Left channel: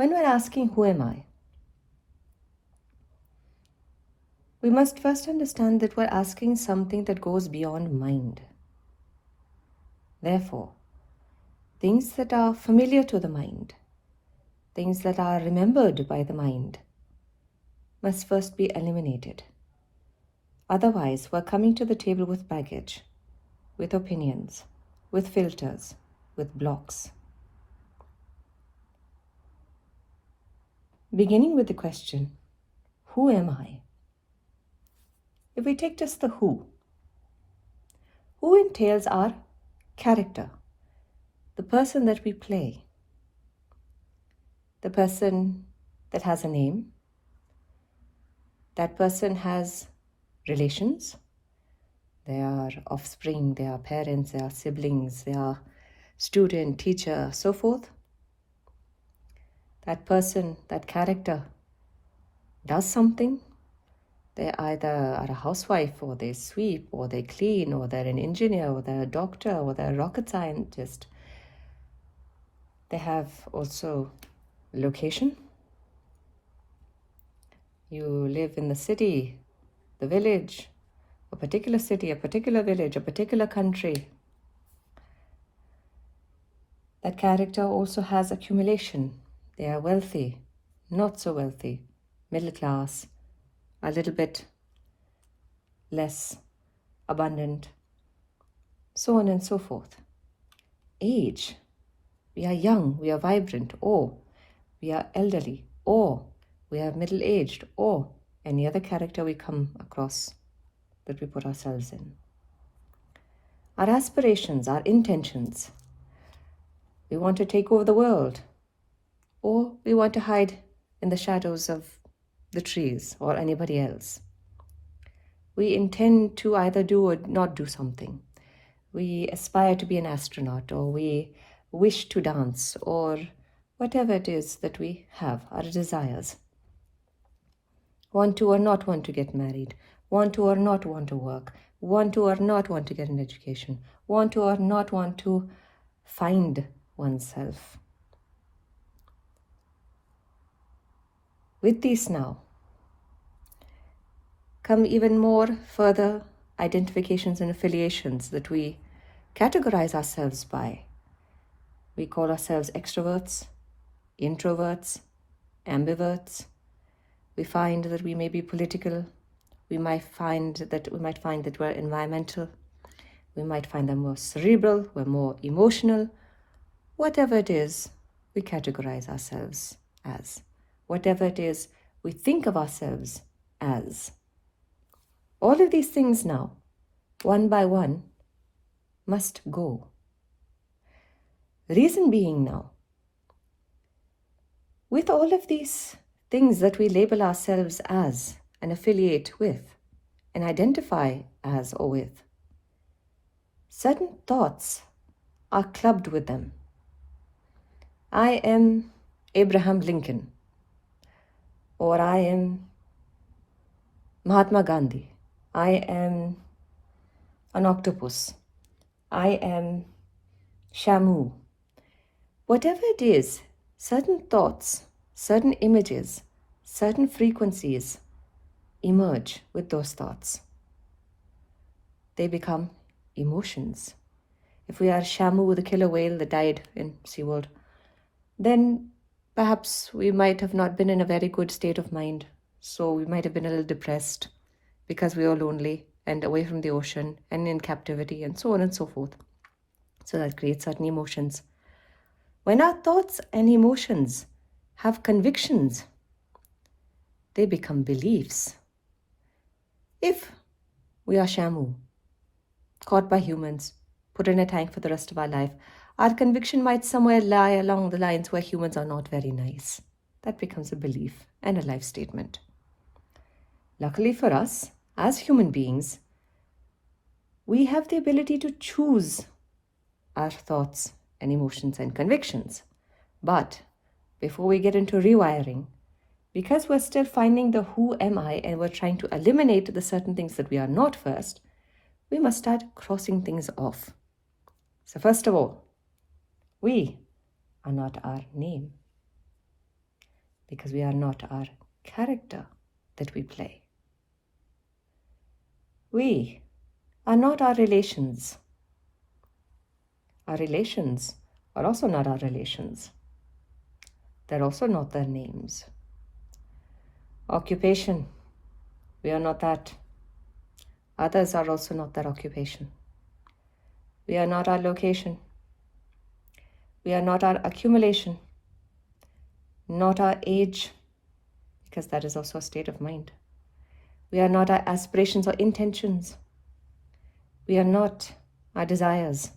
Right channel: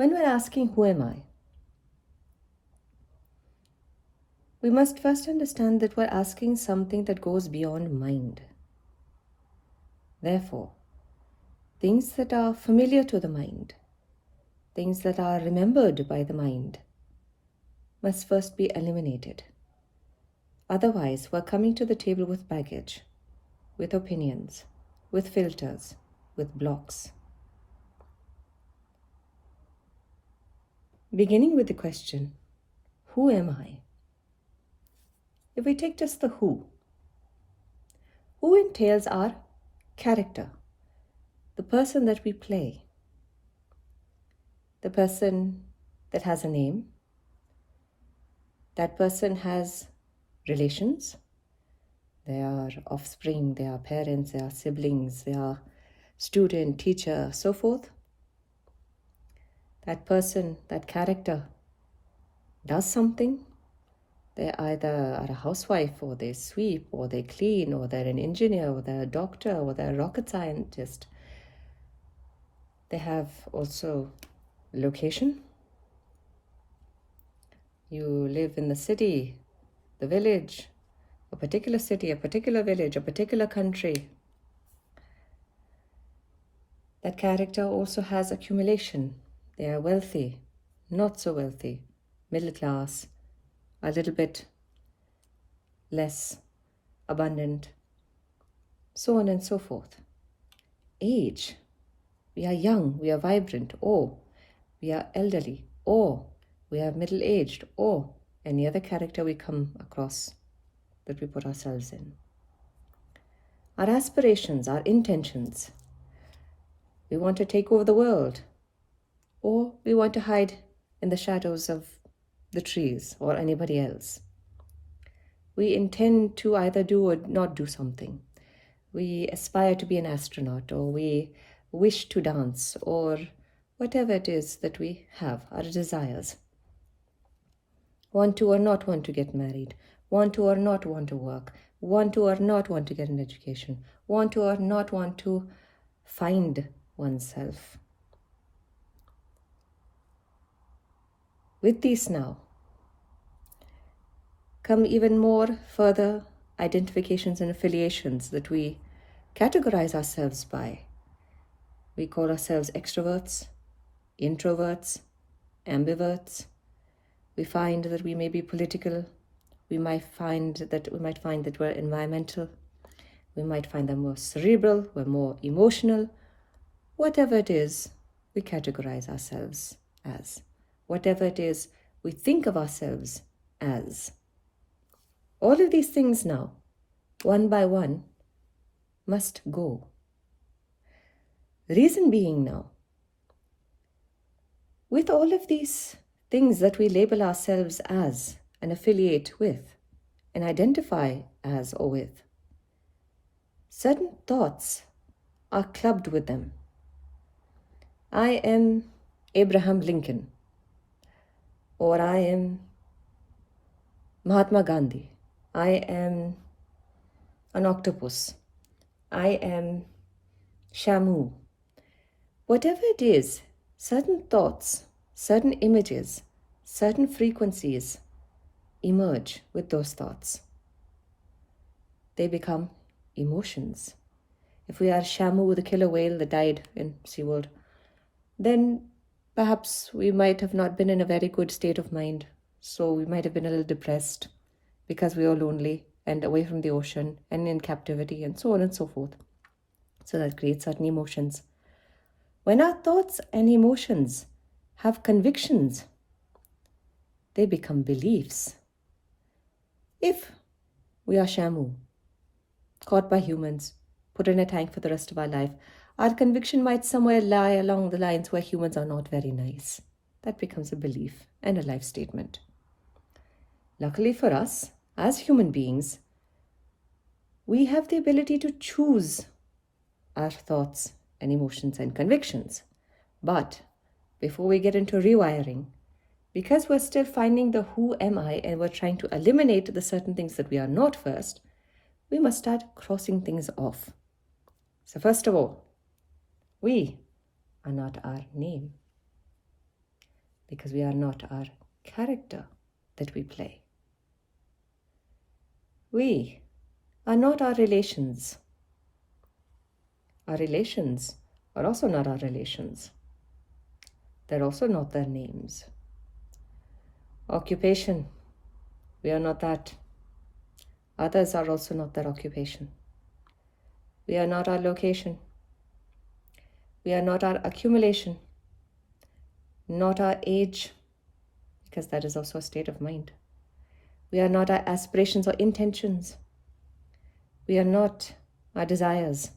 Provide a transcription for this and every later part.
When we're asking, who am I? We must first understand that we're asking something that goes beyond mind. Therefore, things that are familiar to the mind, things that are remembered by the mind, must first be eliminated. Otherwise, we're coming to the table with baggage, with opinions, with filters, with blocks. Beginning with the question, who am I? If we take just the who entails our character, the person that we play, the person that has a name, that person has relations, they are offspring, they are parents, they are siblings, they are student, teacher, so forth. That person, that character does something. They either are a housewife, or they sweep, or they clean, or they're an engineer, or they're a doctor, or they're a rocket scientist. They have also location. You live in the city, the village, a particular city, a particular village, a particular country. That character also has accumulation. They are wealthy, not so wealthy, middle class, a little bit less abundant, so on and so forth. Age. We are young, we are vibrant, or we are elderly, or we are middle-aged, or any other character we come across that we put ourselves in. Our aspirations, our intentions. We want to take over the world, or we want to hide in the shadows of the trees or anybody else. We intend to either do or not do something. We aspire to be an astronaut, or we wish to dance, or whatever it is that we have, our desires. Want to or not want to get married, want to or not want to work, want to or not want to get an education, want to or not want to find oneself. With these now come even more further identifications and affiliations that we categorize ourselves by. We call ourselves extroverts, introverts, ambiverts. We find that we may be political. We might find that we're environmental. We might find that we're cerebral, we're more emotional. Whatever it is, we categorize ourselves as. Whatever it is, we think of ourselves as. All of these things now, one by one, must go. Reason being now, with all of these things that we label ourselves as and affiliate with and identify as or with, certain thoughts are clubbed with them. I am Abraham Lincoln, or I am Mahatma Gandhi, I am an octopus, I am Shamu. Whatever it is, certain thoughts, certain images, certain frequencies emerge with those thoughts. They become emotions. If we are Shamu with a killer whale that died in SeaWorld, then perhaps we might have not been in a very good state of mind. So we might have been a little depressed because we were lonely and away from the ocean and in captivity and so on and so forth. So that creates certain emotions. When our thoughts and emotions have convictions, they become beliefs. If we are Shamu, caught by humans, put in a tank for the rest of our life, our conviction might somewhere lie along the lines where humans are not very nice. That becomes a belief and a life statement. Luckily for us, as human beings, we have the ability to choose our thoughts and emotions and convictions. But before we get into rewiring, because we're still finding the who am I and we're trying to eliminate the certain things that we are not first, we must start crossing things off. So first of all, we are not our name. because we are not our character that we play. We are not our relations. Our relations are also not our relations. They're also not their names. Occupation, we are not that. Others are also not that occupation. We are not our location. We are not our accumulation. Not our age, because that is also a state of mind. We are not our aspirations or intentions. We are not our desires.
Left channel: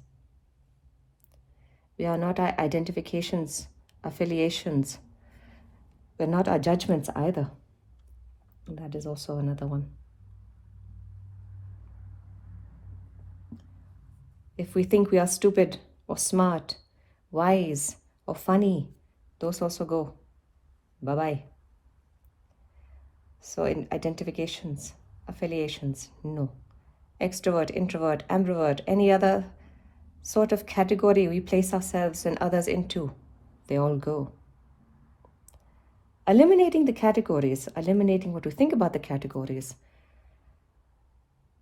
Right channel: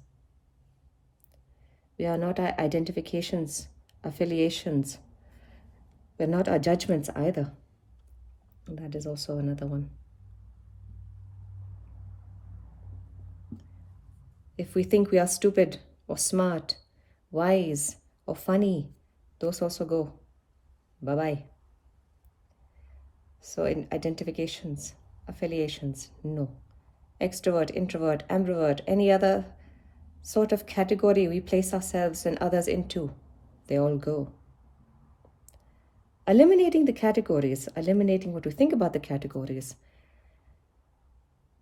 We are not our identifications, affiliations. We're not our judgments either. And that is also another one. If we think we are stupid or smart, wise or funny, those also go. Bye-bye. So in identifications, affiliations, no. Extrovert, introvert, ambivert, any other sort of category we place ourselves and others into, they all go. Eliminating the categories, eliminating what we think about the categories,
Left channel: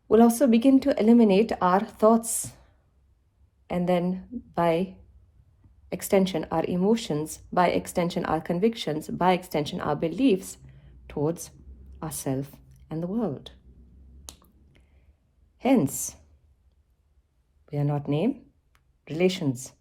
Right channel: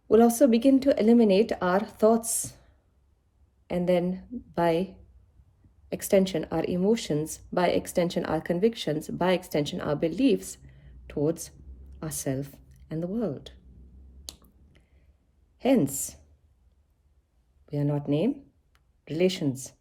will also begin to eliminate our thoughts, and then by extension our emotions, by extension our convictions, by extension our beliefs towards ourselves and the world. Hence, we are not name, relations,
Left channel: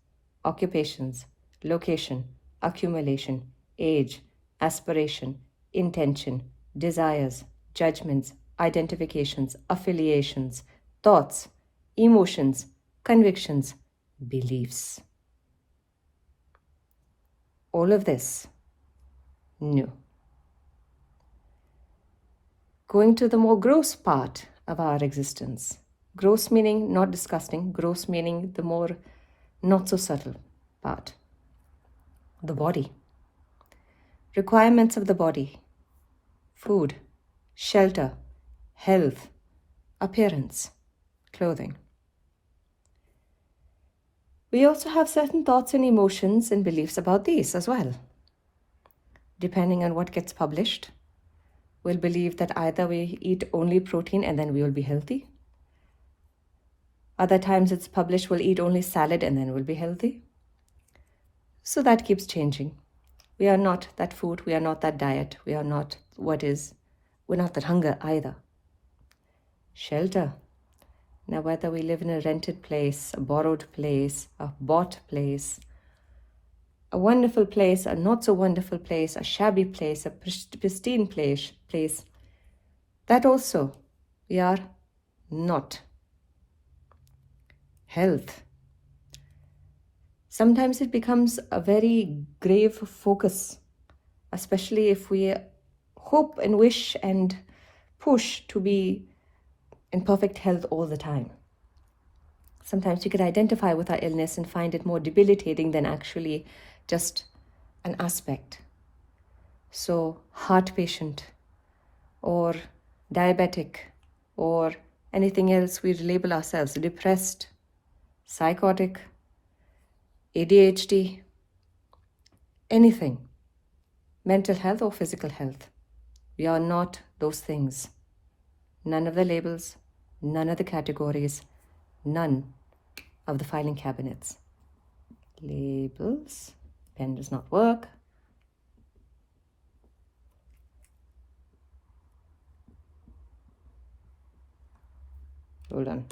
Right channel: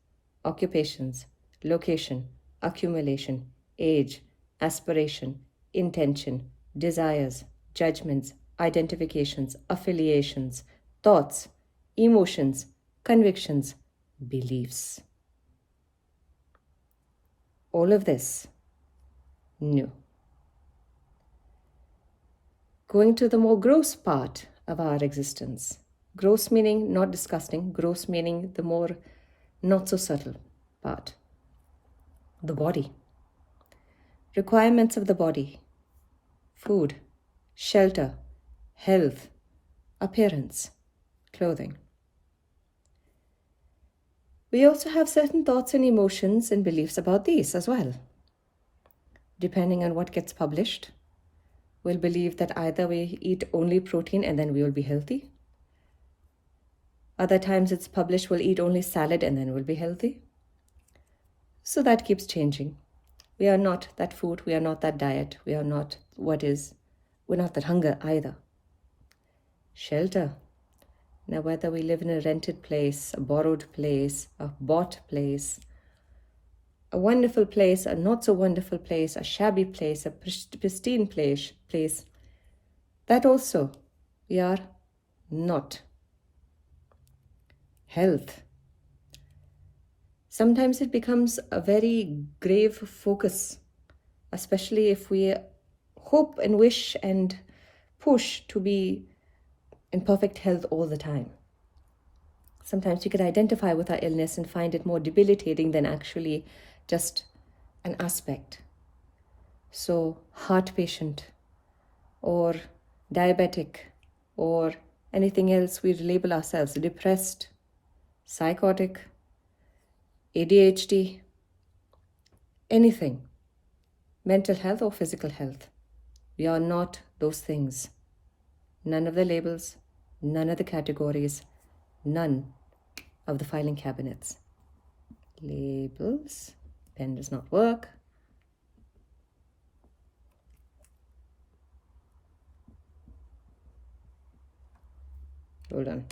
occupations, location, accumulation, age, aspiration, intention, desires, judgments, identifications, affiliations, thoughts, emotions, convictions, beliefs. All of this, no. Going to the more gross part of our existence. Gross meaning not disgusting, gross meaning the more not so subtle part. The body. Requirements of the body. Food, shelter, health, appearance, clothing. We also have certain thoughts and emotions and beliefs about these as well. Depending on what gets published, we'll believe that either we eat only protein and then we will be healthy. Other times it's published we'll eat only salad and then we'll be healthy. So that keeps changing. We are not that food, we are not that diet, we are not we're not that hunger either. Shelter. Now whether we live in a rented place, a borrowed place, a bought place, a wonderful place, a not so wonderful place, a shabby place, a pristine place, that also we are not. Health. Sometimes it becomes a very grave focus, especially if we hope and wish and push to be in perfect health all the time. Sometimes we could identify with our illness and find it more debilitating than actually just an aspect. So heart patient or diabetic or anything else we label ourselves, depressed, psychotic, ADHD, anything, mental health or physical health. We are not those things. None of the labels, none of the categories, none of the filing cabinets. Labels, pen does not work. Hold on.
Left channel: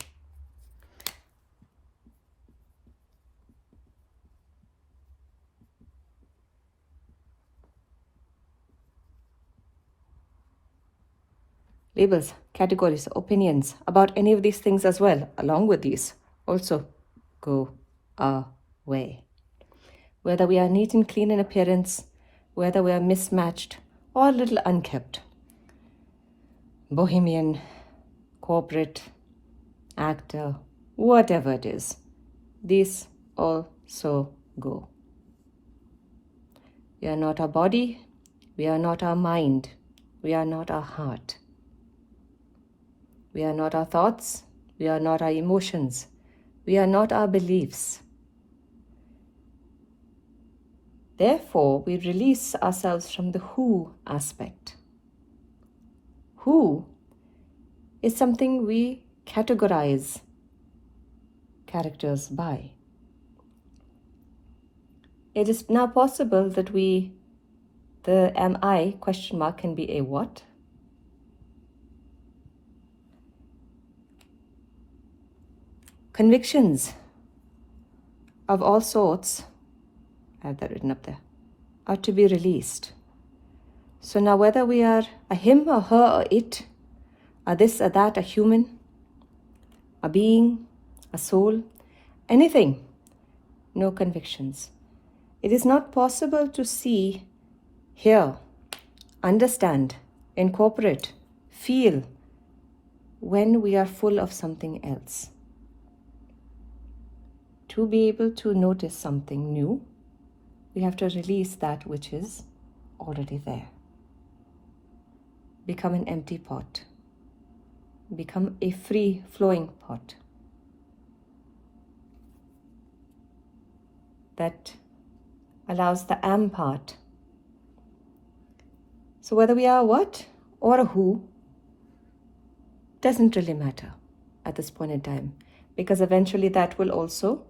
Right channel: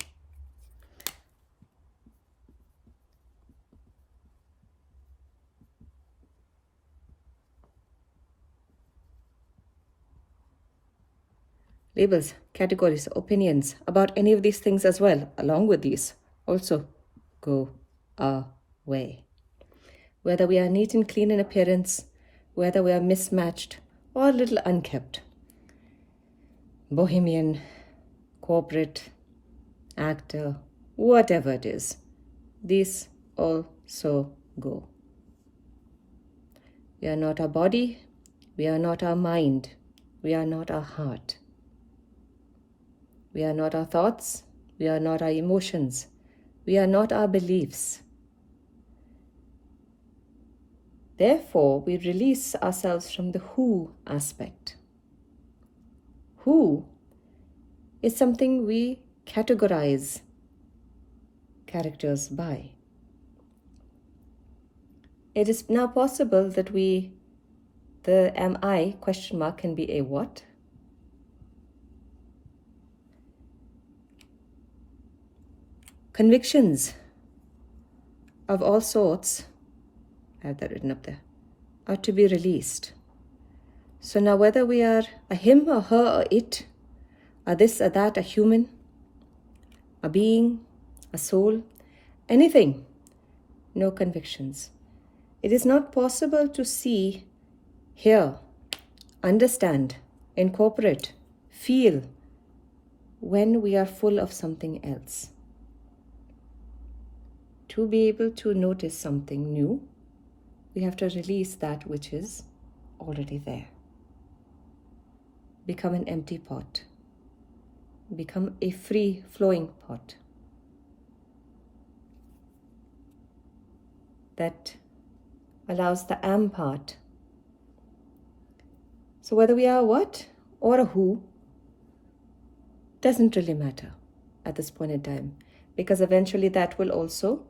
Labels, categories, opinions about any of these things as well, along with these, also go away. Whether we are neat and clean in appearance, whether we are mismatched or a little unkept, bohemian, corporate, actor, whatever it is, these also go. We are not our body, we are not our mind, we are not our heart. We are not our thoughts, we are not our emotions, we are not our beliefs. Therefore, we release ourselves from the who aspect. Who is something we categorize characters by. It is now possible that the am I question mark can be a what? Convictions of all sorts, I have that written up there, are to be released. So now whether we are a him or her or it, a this or that, a human, a being, a soul, anything, no convictions. It is not possible to see, hear, understand, incorporate, feel when we are full of something else. To be able to notice something new, we have to release that which is already there. Become an empty pot. Become a free-flowing pot. That allows the am part. So whether we are a what or a who doesn't really matter at this point in time, because eventually that will also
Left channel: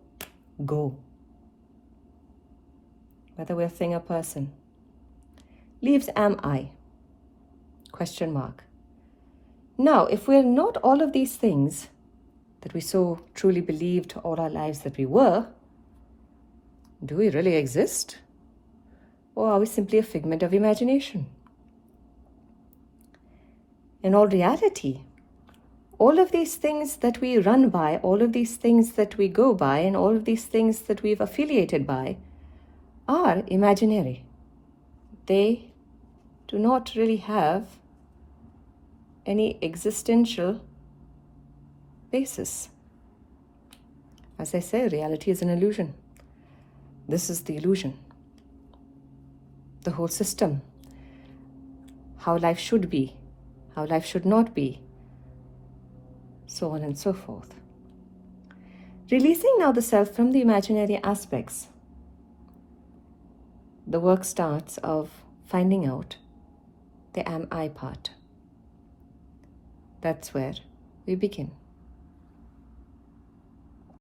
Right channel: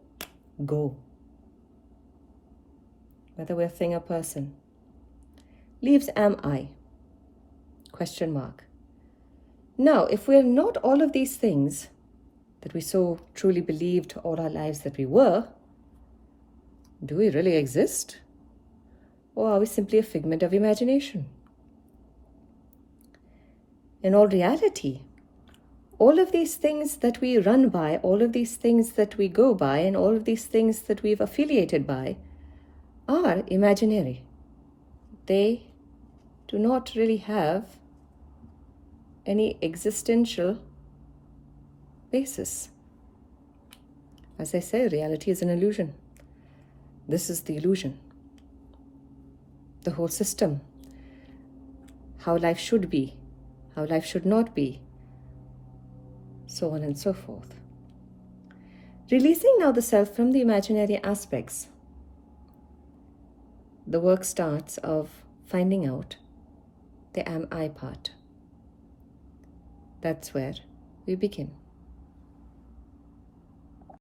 go. Whether we're a thing or person. Leaves am I? Question mark. Now, if we're not all of these things that we so truly believed all our lives that we were, do we really exist? Or are we simply a figment of imagination? In all reality, all of these things that we run by, all of these things that we go by, and all of these things that we've affiliated by are imaginary. They do not really have any existential basis. As I say, reality is an illusion. This is the illusion. The whole system. How life should be, how life should not be, so on and so forth. Releasing now the self from the imaginary aspects, the work starts of finding out the am I part. That's where we begin.